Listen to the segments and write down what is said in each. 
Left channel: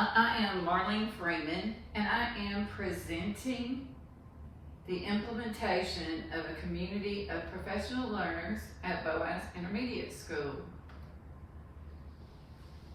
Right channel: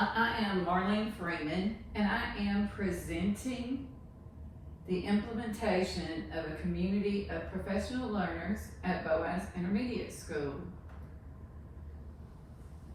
I am Marlene Freeman, and I am presenting the implementation of a community of professional learners at Boaz Intermediate School.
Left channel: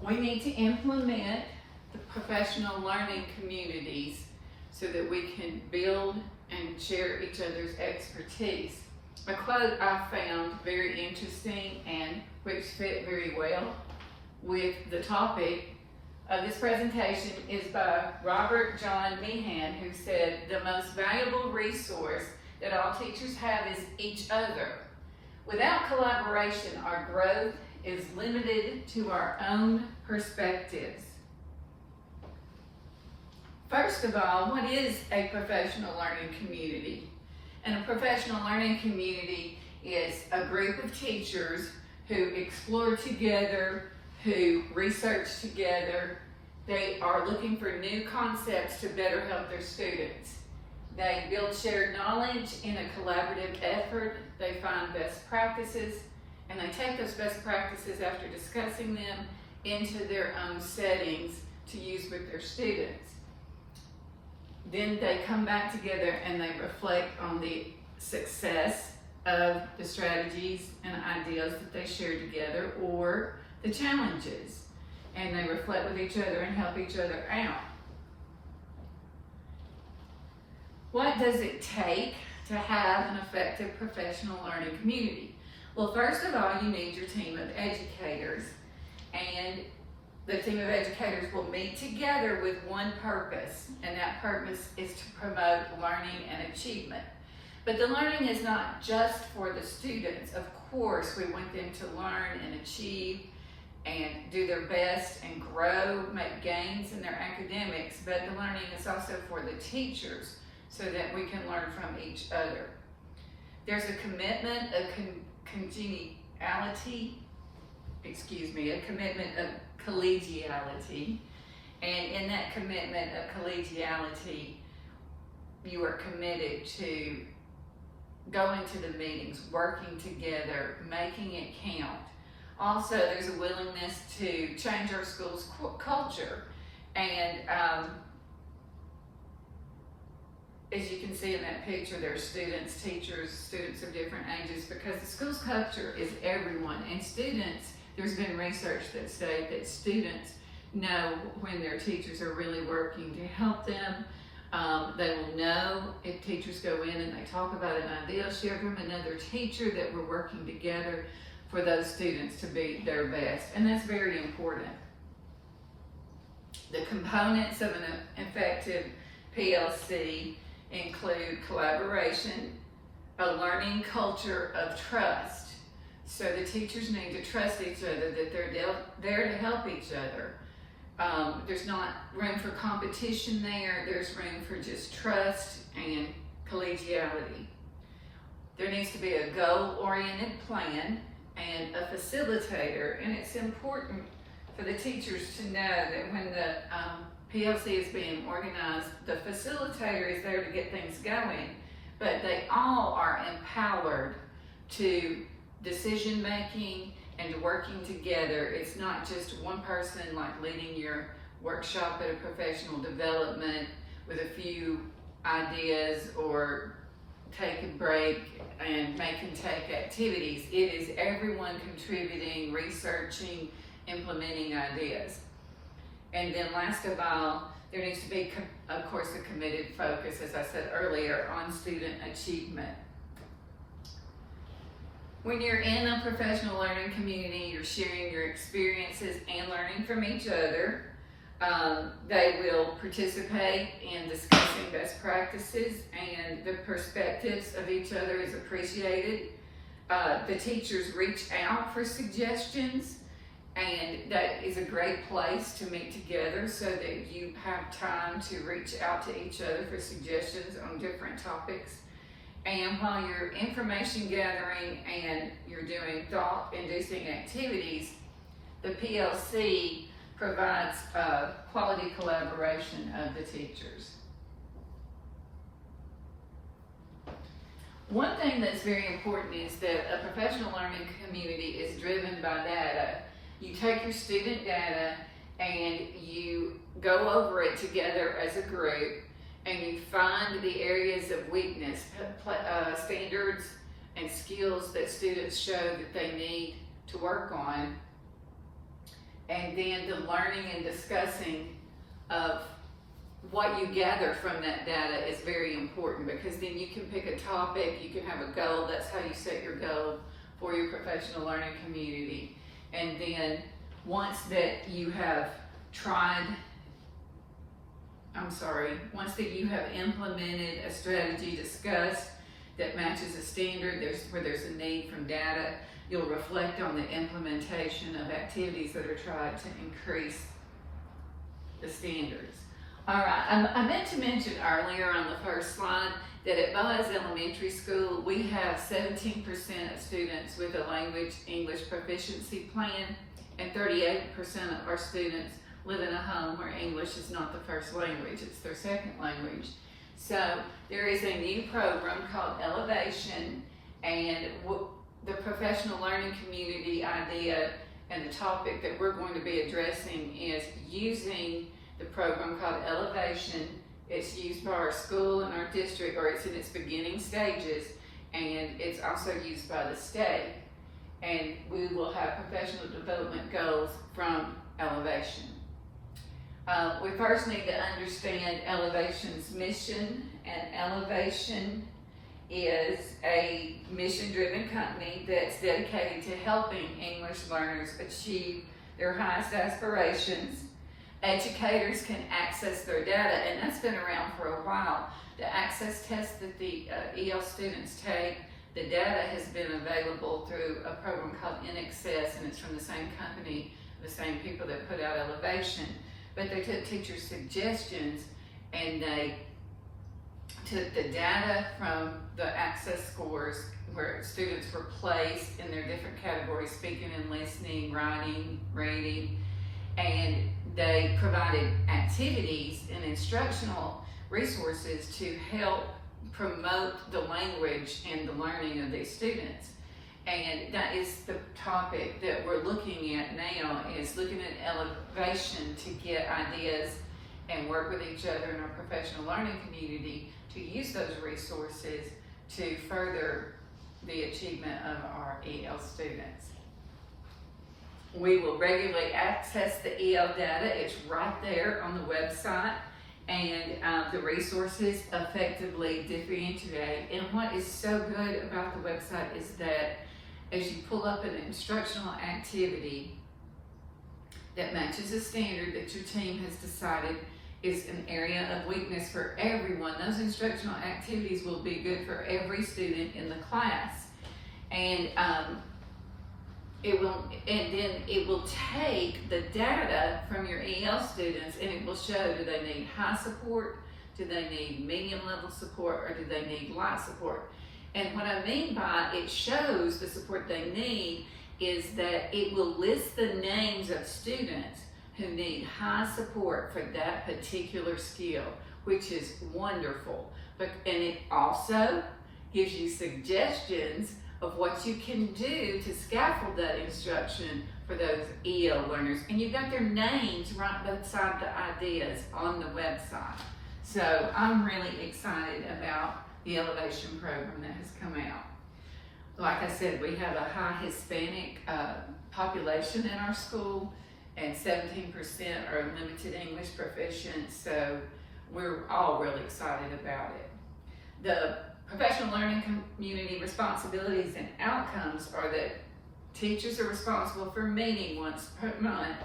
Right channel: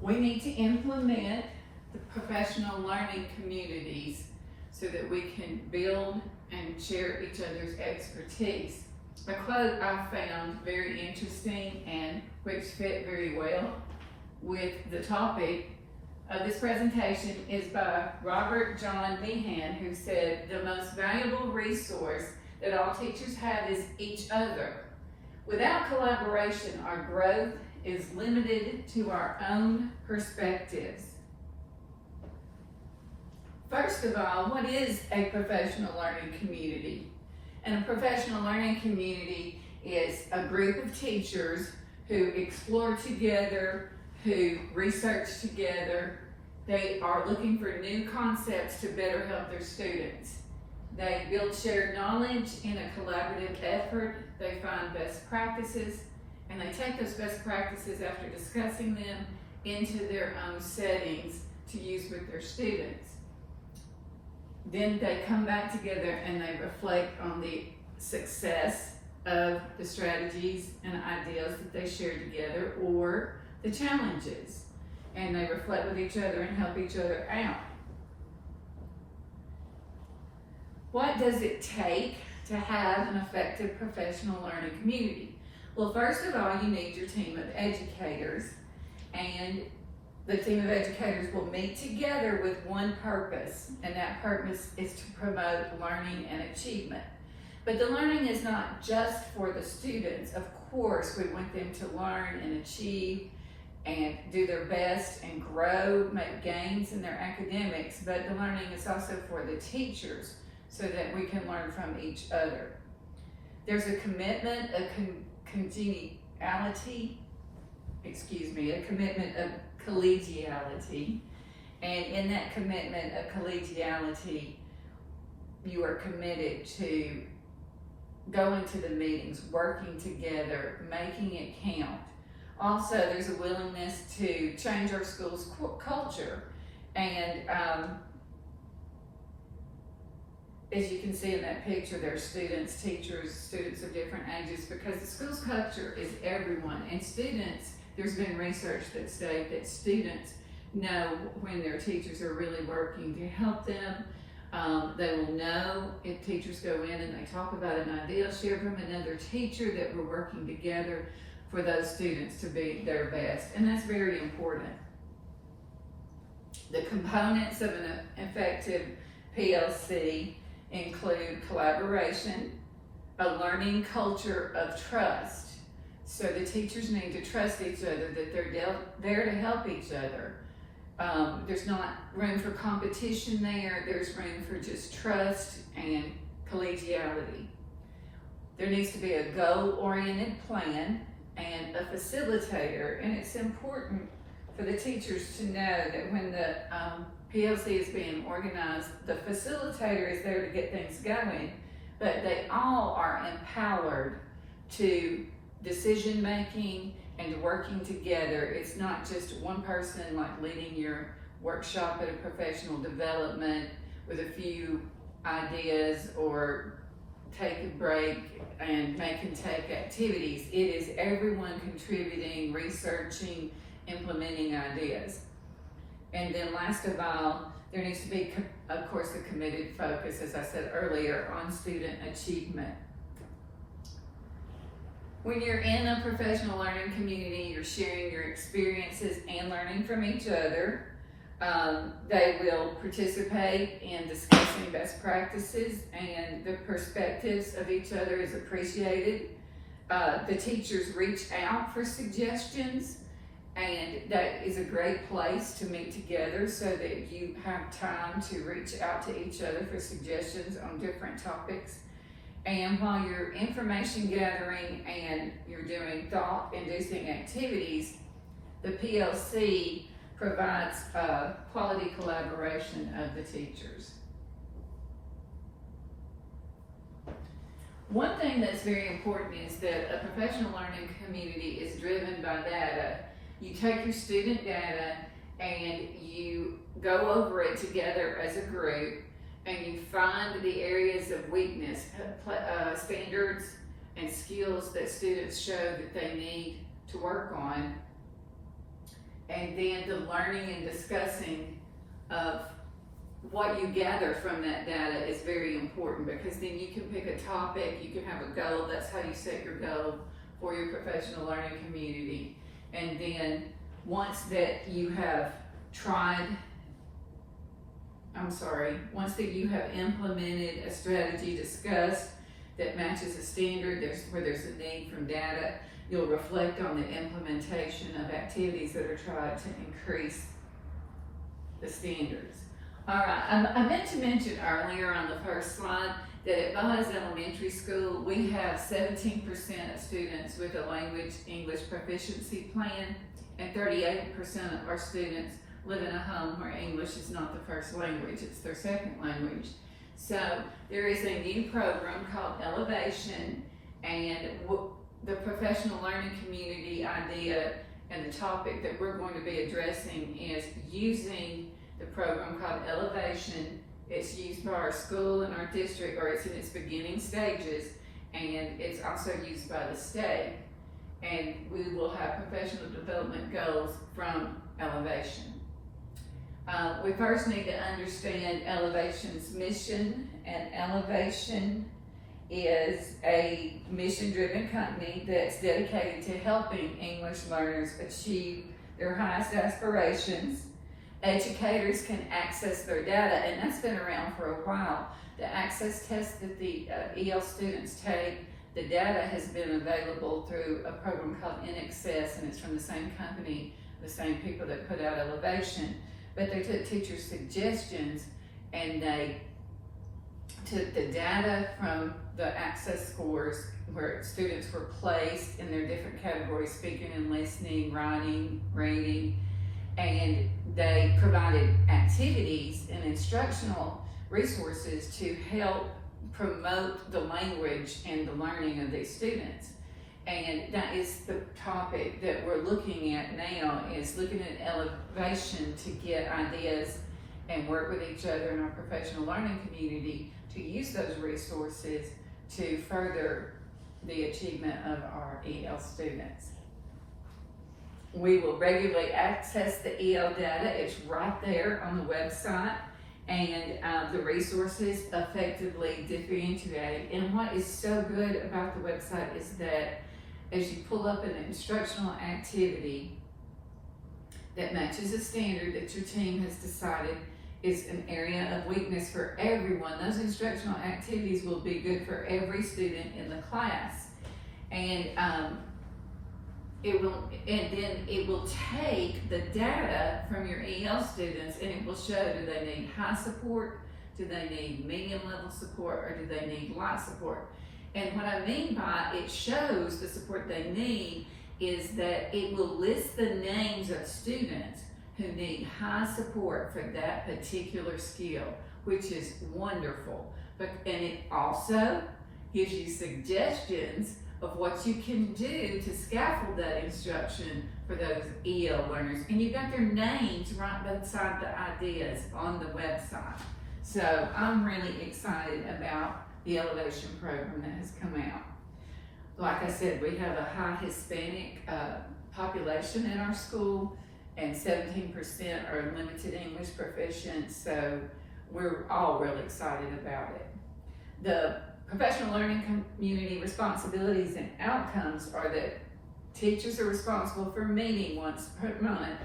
We need to implement the professional learning communities so that we can build and share each other's expertise. A quote I found very interesting and which fit very well with the topic of this presentation is by Robert John Meehan, who said, "The most valuable resource that all teachers have is each other. Without collaboration, our growth is limited to our own perspectives." First of all, what is a professional learning community? And a professional learning community is a group of teachers who explore together, who research together. They are looking for new concepts to better help their students. They build shared knowledge in a collaborative effort. They find best practices, and they take those best practices after discussing them into their own settings to use with their students. Then they come back together and they reflect on the success of the strategies and ideas that they shared together, or the challenges, and they reflect with each other and help each other out. What does it take to have an effective professional learning community? Well, first of all, you need your team of educators, and the team of educators will meet together with one purpose, and that purpose is to promote learning and achievement. But the learning is not just for the students. Of course, we want them to learn and achieve and do their best and grow, make gains in their academics, but the learning is also for the teachers so that we can learn from each other. There's a commitment of a commitment of collegiality, and in that commitment of collegiality, you are committed to going to the meetings, working together, making it count. Also, there's a willingness to change our school's culture, and as you can see in that picture, there's students, teachers, students of different ages, because the school's culture is everyone, and students, there's been research that states that students know when their teachers are really working to help them. They will know if teachers go in and they talk about an idea shared from another teacher that we're working together for those students to be their best, and that's very important. The components of an effective PLC include collaboration, a learning culture of trust. So the teachers need to trust each other, that they're there to help each other. There's not room for competition there. There's room for just trust and collegiality. There needs to be a goal-oriented plan and a facilitator, and it's important for the teachers to know that when the PLC is being organized, the facilitator is there to get things going, but they all are empowered to decision making and working together. It's not just one person like leading your workshop at a professional development with a few ideas or take a break and make and take activities. It is everyone contributing, researching, implementing ideas. And then last of all, there needs to be, of course, a committed focus, as I said earlier, on student achievement. When you're in a professional learning community, you're sharing your experiences and learning from each other. They will participate in discussing best practices, and the perspectives of each other is appreciated. The teachers reach out for suggestions, and that is a great place to meet together so that you have time to reach out to each other for suggestions on different topics. And while you're information gathering and you're doing thought-inducing activities, the PLC provides quality collaboration of the teachers. One thing that's very important is that a professional learning community is driven by data. You take your student data and you go over it together as a group, and you find the areas of weakness, standards and skills that students show that they need to work on. And then the learning and discussing of what you gather from that data is very important, because then you can pick a topic, you can have a goal. That's how you set your goal for your professional learning community. And then once that you have once that you have implemented a strategy discussed that matches a standard, where there's a need from data, you'll reflect on the implementation of activities that are tried to increase the standards. All right, I meant to mention earlier on the first slide that at Boaz Elementary School, we have 17% of students with a language English proficiency plan, and 38% of our students live in a home where English is not the first language, it's their second language. So there is a new program called ELLevation, and the professional learning community idea and the topic that we're going to be addressing is using the program called ELLevation. It's used by our school and our district, or it's in its beginning stages, and it's also used by the state. And we will have professional development goals from ELLevation. We first need to understand ELLevation's mission, and ELLevation is a mission-driven company that's dedicated to helping English learners achieve their highest aspirations. Educators can access their data, and that's been around for a while. The access test that the EL students take, the data has been available through a program called InAccess, and it's from the same company, the same people that put out ELLevation. But they took teacher suggestions, and they took the data from the access scores where students were placed in their different categories, speaking and listening, writing, reading, and they provided activities and instructional resources to help promote the language and the learning of these students. And that is the topic that we're looking at now, is looking at ELLevation to get ideas and work with each other in our professional learning community to use those resources to further the achievement of our EL students. We will regularly access the EL data. It's right there on the website, and the resources effectively differentiate. And what is so good about the website is that as you pull up an instructional activity that matches a standard that your team has decided is an area of weakness for everyone, those instructional activities will be good for every student in the class. And it will take the data from your EL students, and it will show, do they need high support, do they need medium level support, or do they need light support? And what I mean by it shows the support they need is that it will list the names of students who need high support for that particular skill, which is wonderful. And it also gives you suggestions of what you can do to scaffold that instruction for those EL learners. And you've got their names right beside the ideas on the website. So I'm really excited about the ELLevation program that has come out. Like I said, we have a high Hispanic population in our school, and 17% are limited English proficient, so we're all really excited about it. The professional learning community responsibilities and outcomes are that teachers are responsible for meeting once per month,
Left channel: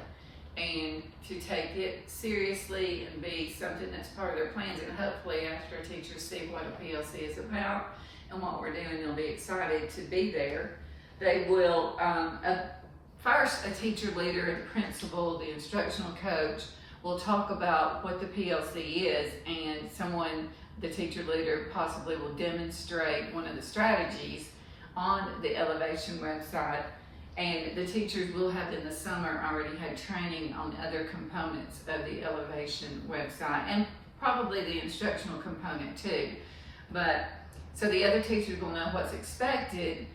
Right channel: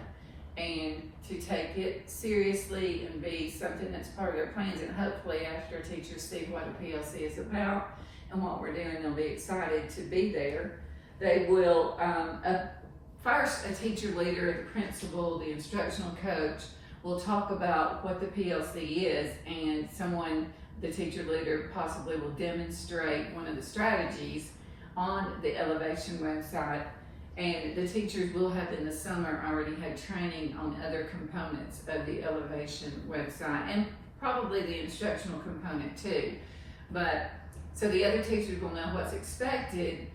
and to take it seriously and be something that's part of their plans. And hopefully after teachers see what a PLC is about and what we're doing, they'll be excited to be there. They will, first a teacher leader, the principal, the instructional coach will talk about what the PLC is, and the teacher leader possibly will demonstrate one of the strategies on the ELLevation website. And the teachers will have in the summer already had training on other components of the ELLevation website, and probably the instructional component too. But so the other teachers will know what's expected.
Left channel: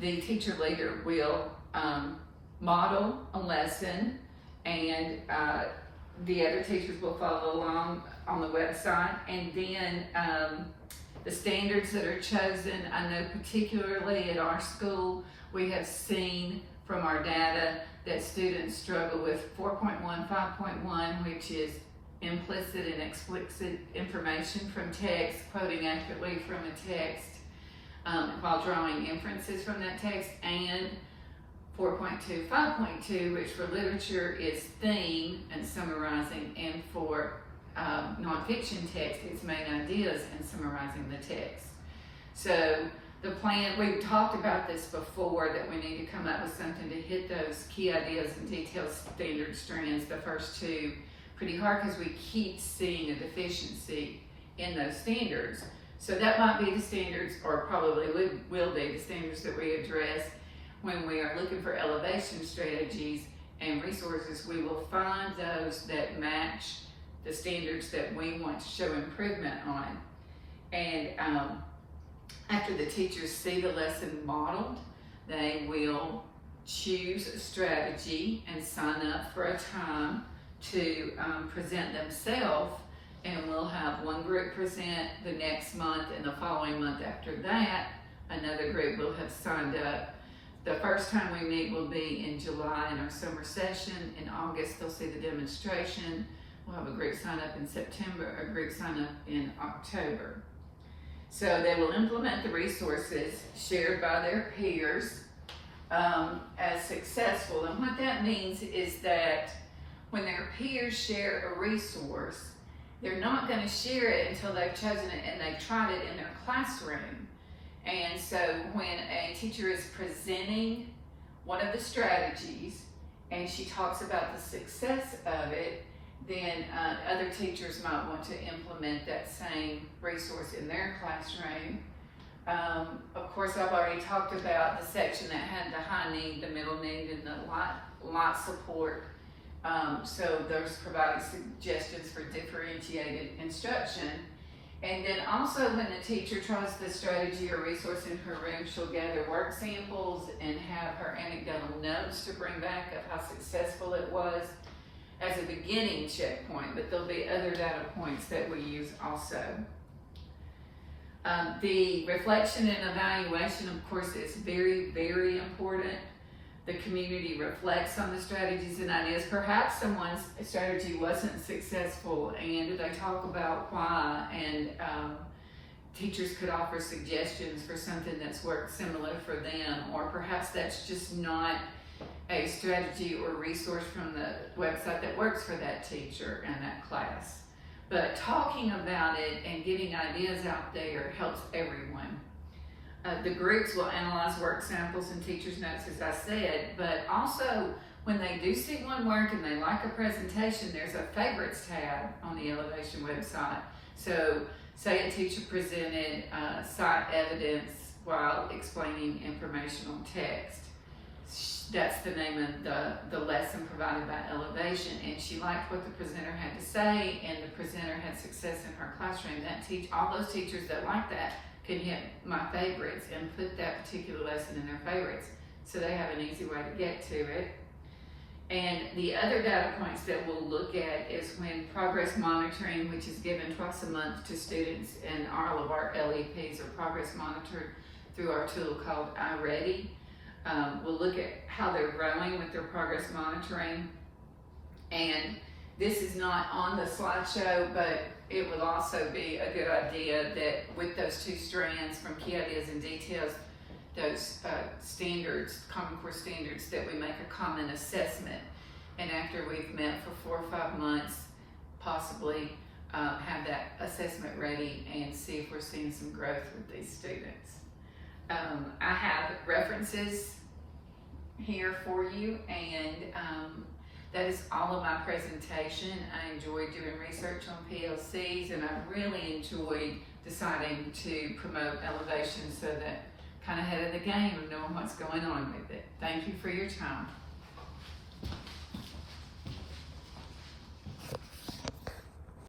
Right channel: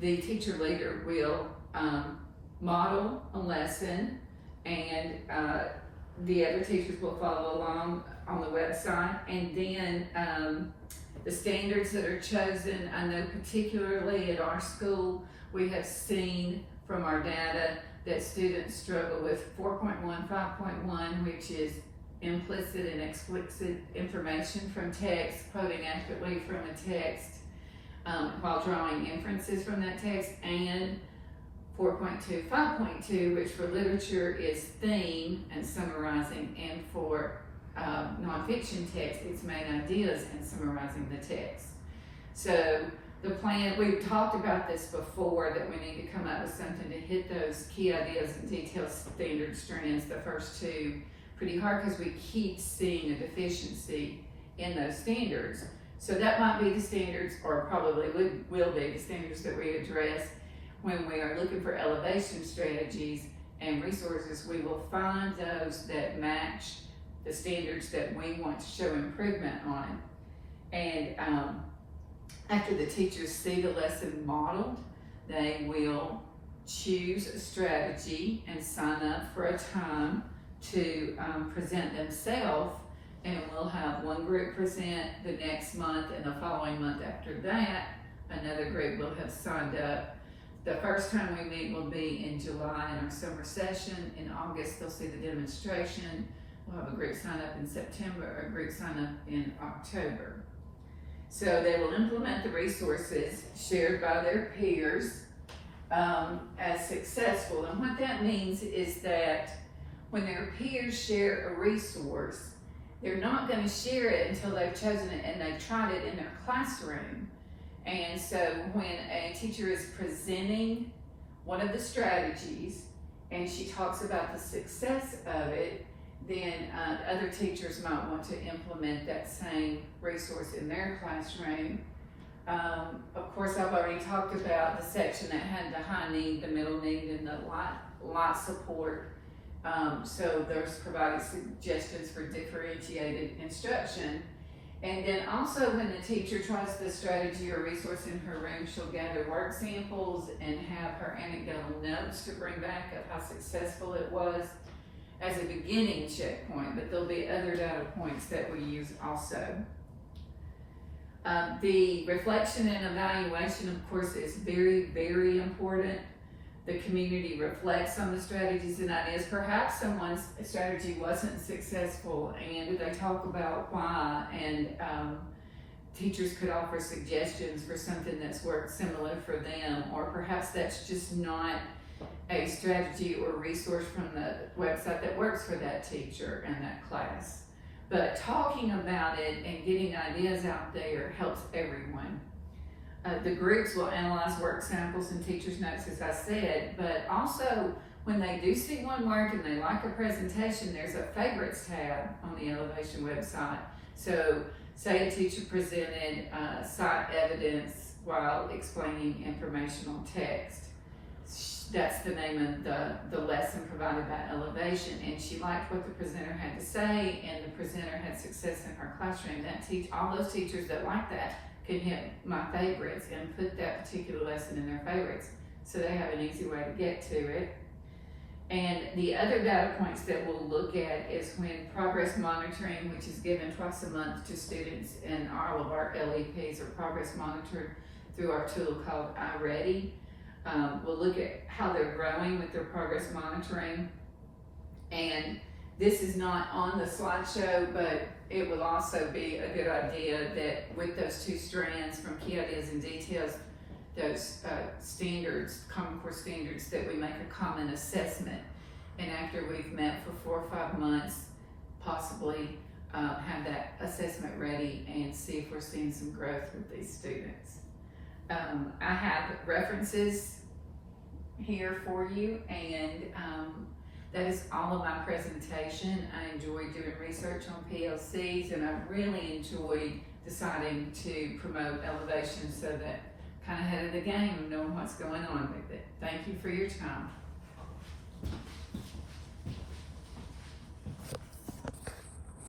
The teacher leader will model a lesson and the other teachers will follow along on the website. And then the standards that are chosen, I know particularly at our school, we have seen from our data that students struggle with 4.1, 5.1, which is implicit and explicit information from text, quoting accurately from a text while drawing inferences from that text, and 4.2, 5.2, which for literature is theme and summarizing, and for nonfiction text, it's main ideas and summarizing the text. So the plan, we've talked about this before, that we need to come up with something to hit those key ideas and detailed standard strands, the first two, pretty hard, because we keep seeing a deficiency in those standards. So that might be the standards, or probably will be the standards that we address when we are looking for elevation strategies and resources. We will find those that match the standards that we want to show improvement on. And after the teachers see the lesson modeled, they will choose a strategy and sign up for a time to present themselves, and we'll have one group present the next month, and the following month after that, another group will have signed up. The first time we meet will be in July in our summer session. In August, they'll see the demonstration. We'll have a group sign up in September, a group sign up in October. So they will implement the resources shared by their peers as successful. And what that means is that when their peers share a resource, they're not going to share it until they've chosen it and they've tried it in their classroom. And so when a teacher is presenting one of the strategies and she talks about the success of it, then other teachers might want to implement that same resource in their classroom. Of course, I've already talked about the section that had the high need, the middle need, and the light support. So there's providing suggestions for differentiated instruction. And then also when the teacher tries the strategy or resource in her room, she'll gather work samples and have her anecdotal notes to bring back of how successful it was as a beginning checkpoint, but there'll be other data points that we use also. The reflection and evaluation, of course, is very, very important. The community reflects on the strategies and ideas. Perhaps someone's strategy wasn't successful, and they talk about why, and teachers could offer suggestions for something that's worked similar for them, or perhaps that's just not a strategy or resource from the website that works for that teacher and that class. But talking about it and getting ideas out there helps everyone. The groups will analyze work samples and teachers' notes, as I said, but also when they do see one work and they like a presentation, there's a favorites tab on the ELLevation website. So say a teacher presented cite evidence while explaining informational text. That's the name of the lesson provided by ELLevation, and she liked what the presenter had to say, and the presenter had success in her classroom. All those teachers that like that can hit my favorites and put that particular lesson in their favorites, so they have an easy way to get to it. And the other data points that we'll look at is when progress monitoring, which is given twice a month to students, and all of our LEPs are progress monitored through our tool called iReady. We'll look at how they're growing with their progress monitoring. And this is not on the slideshow, but it will also be a good idea that with those two strands from key ideas and details, those standards, Common Core standards, that we make a common assessment. And after we've met for 4 or 5 months, possibly have that assessment ready and see if we're seeing some growth with these students. I have references here for you, and that is all of my presentation. I enjoyed doing research on PLCs, and I really enjoyed deciding to promote ELLevation, so that kind of ahead of the game and knowing what's going on with it. Thank you for your time.